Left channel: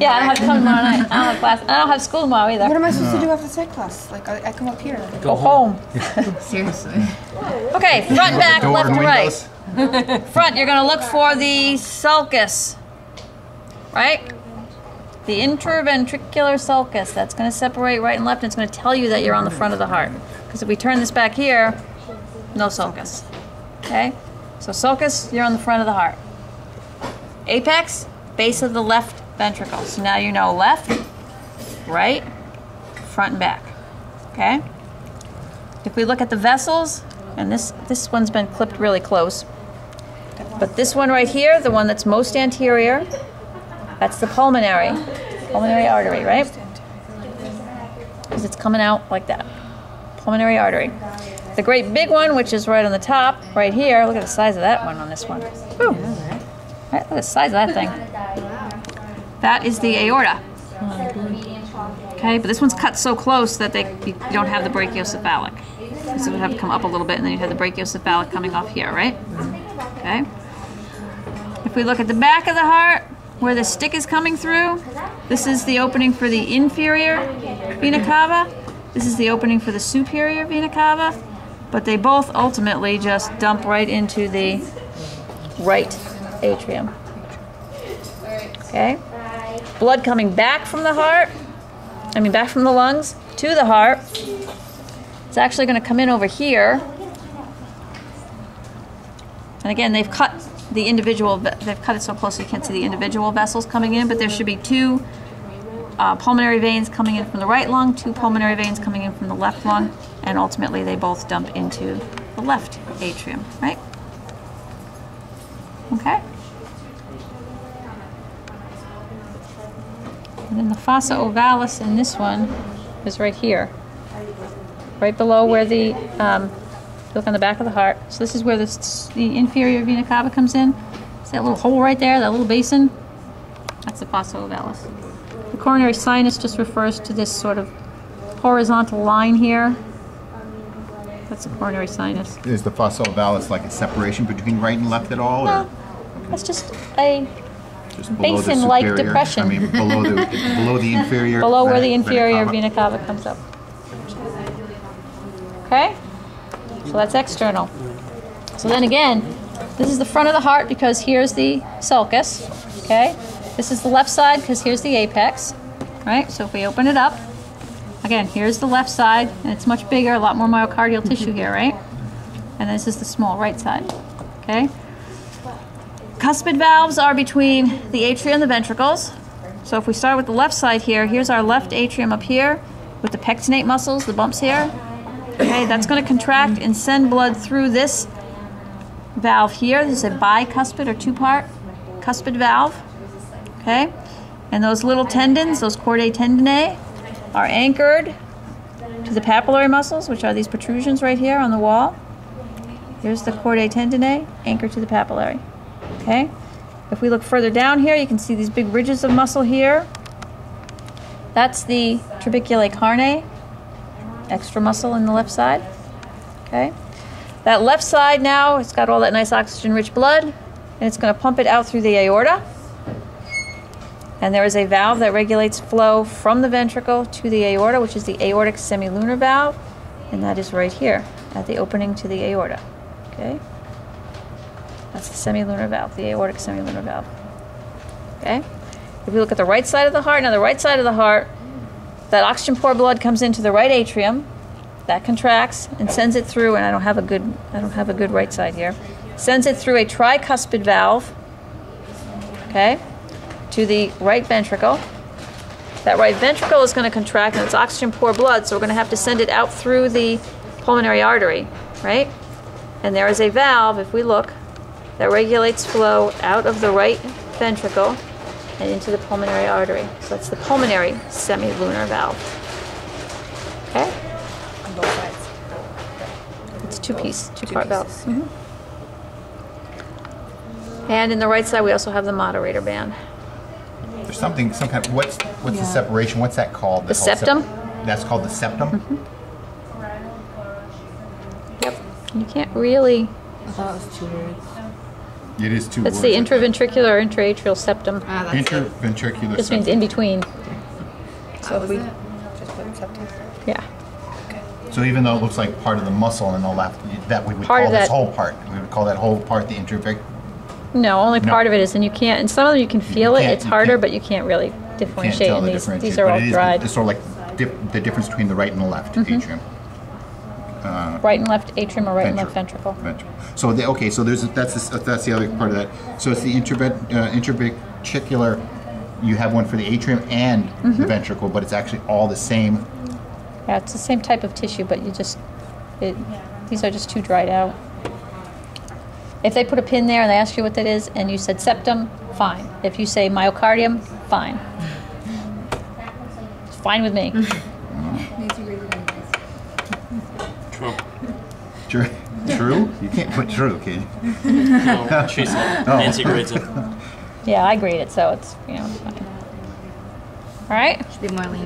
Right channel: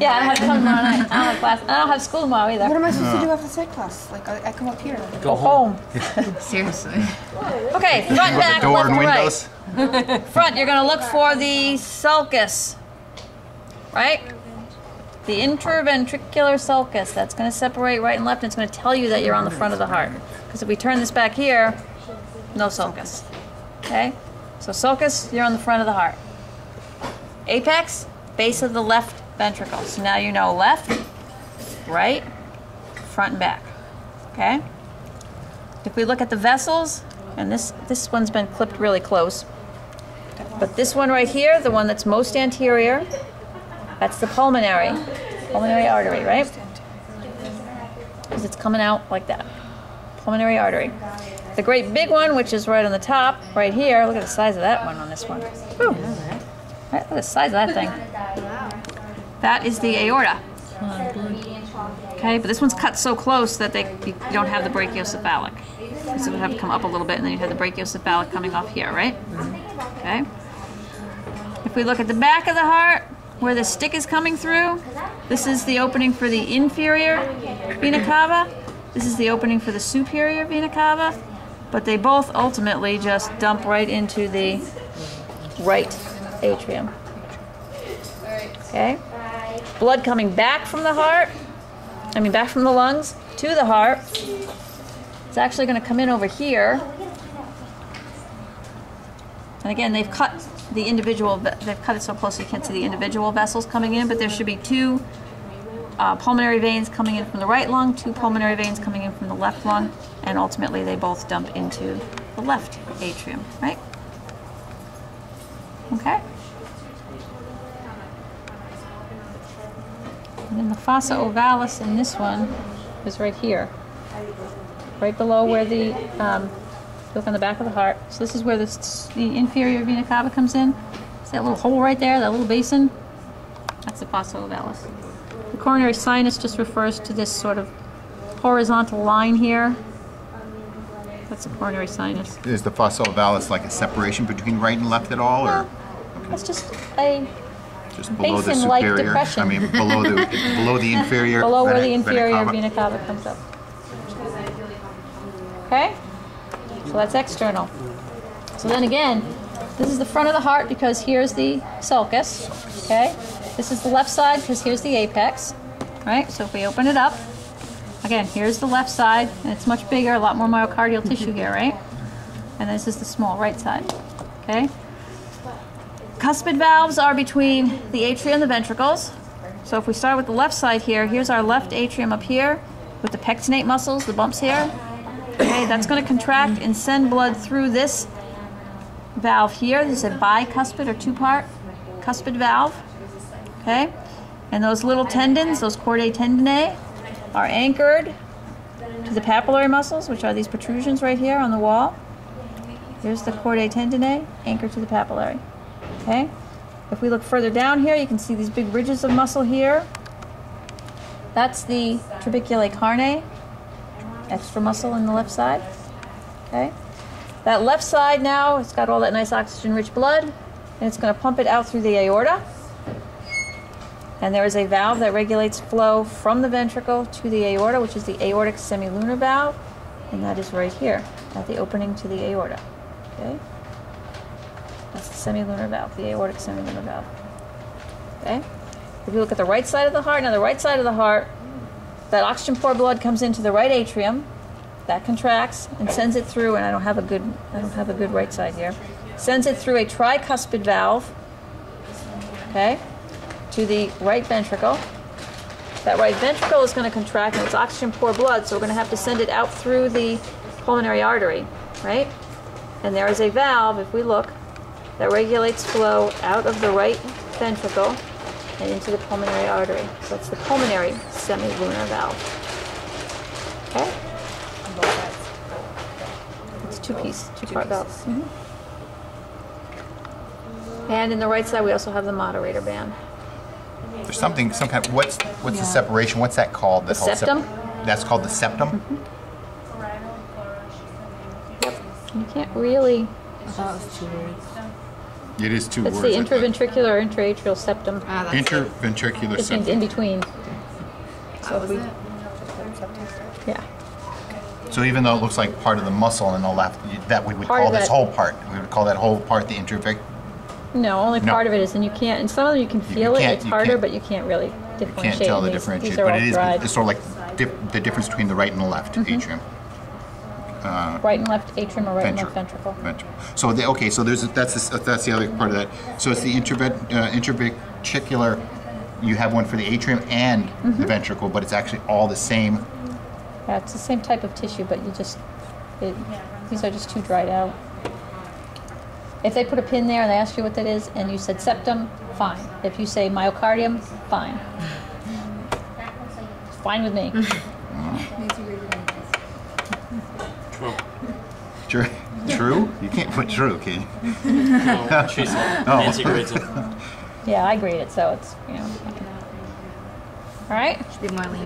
Yeah, I don't have to come tomorrow night. I don't have class. I don't have school tomorrow either. What am I supposed to do after psych class? Like, I come up here. Go home. Seriously. Okay, front, back, Door left, and and right. windows. Front, you're going to look for the sulcus, right? The interventricular sulcus. That's going to separate right and left, and it's going to tell you that you're on the front of the heart. Because if we turn this back here, no sulcus. Okay? So sulcus, you're on the front of the heart. Apex, base of the left ventricle. So now you know left, right, front and back. Okay? If we look at the vessels, and this one's been clipped really close, but this one right here, the one that's most anterior, that's the pulmonary artery, right? Because it's coming out like that. Pulmonary artery. The great big one, which is right on the top, right here, look at the size of that one on this one. Whew. Right, look at the size of that thing. That is the aorta. Okay, but this one's cut so close that you don't have the brachiocephalic. So it would have to come up a little bit, and then you have the brachiocephalic coming off here, right? Okay. If we look at the back of the heart, where the stick is coming through, this is the opening for the inferior vena cava. This is the opening for the superior vena cava. But they both ultimately just dump right into the right atrium. Okay? Blood coming back from the heart, back from the lungs to the heart. It's actually going to come in over here. And again, they've cut it so close you can't see the individual vessels coming in, but there should be two pulmonary veins coming in from the right lung, two pulmonary veins coming in from the left lung, and ultimately they both dump into the left atrium, right? Okay? And then the fossa ovalis in this one is right here, right below where the, look on the back of the heart. So this is where the inferior vena cava comes in. See that little hole right there, that little basin? That's the fossa ovalis. The coronary sinus just refers to this sort of horizontal line here. That's the coronary sinus. Is the fossa ovalis like a separation between right and left at all? No, or? it's just a below the basin-like superior, depression. below the inferior. Below where the inferior vena cava comes up. Okay? So that's external. So then again, this is the front of the heart because here's the sulcus. Okay? This is the left side because here's the apex. Right? So if we open it up, again, here's the left side, and it's much bigger, a lot more myocardial tissue here, right? And this is the small right side. Okay? Cuspid valves are between the atria and the ventricles. So if we start with the left side here, here's our left atrium up here with the pectinate muscles, the bumps here. Okay, that's going to contract and send blood through this valve here. This is a bicuspid or two-part cuspid valve. Okay, and those little tendons, those chordae tendineae, are anchored to the papillary muscles, which are these protrusions right here on the wall. Here's the chordae tendineae anchored to the papillary. Okay, if we look further down here, you can see these big ridges of muscle here. That's the trabeculae carnae, extra muscle in the left side. Okay, that left side now, it's got all that nice oxygen-rich blood, and it's going to pump it out through the aorta. And there is a valve that regulates flow from the ventricle to the aorta, which is the aortic semilunar valve, and that is right here at the opening to the aorta. Okay, that's the semilunar valve, the aortic semilunar valve. Okay, if we look at the right side of the heart, now the right side of the heart, that oxygen poor blood comes into the right atrium, that contracts and sends it through, and I don't have a good right side here, sends it through a tricuspid valve, okay, to the right ventricle. That right ventricle is going to contract, and it's oxygen poor blood, so we're going to have to send it out through the pulmonary artery, right? And there is a valve, if we look, that regulates flow out of the right ventricle and into the pulmonary artery. So that's the pulmonary semilunar valve. Okay? On both sides. It's two-part valve. Mm-hmm. And in the right side, we also have the moderator band. There's some kind of, what's the separation? What's that called? The septum? That's called the septum? Mm-hmm. Yep. You can't really... I thought it was 2 words. It is two That's words. the I thought. intraventricular or intraatrial septum. Ah, that's it. Intraventricular Just means septum. in between. That So was we, it. Just put septum. yeah. So even though it looks like part of the muscle on the left, that we would Part call of this that- whole part. We would call that whole part the intraventricular. No, only No. part of it is, and you can't, and some of them you can feel it, can't- it's you harder, can't- but you can't really Can't differentiate. tell And the these differentiation, are but all it is dried. it's sort of like the difference between the right and the left atrium. Right and left atrium or right and left ventricle. Ventricle. So okay, so that's the other part of that. So it's the intraventricular. You have one for the atrium and the ventricle, but it's actually all the same. Yeah, it's the same type of tissue, but these are just too dried out. If they put a pin there and they ask you what that is, and you said septum, fine. If you say myocardium, fine. It's fine with me. True. True. True? You can't put true, can you? No, she said. Nancy grades it. Yeah, I grade it, so it's, fine. All right? Should be more lean.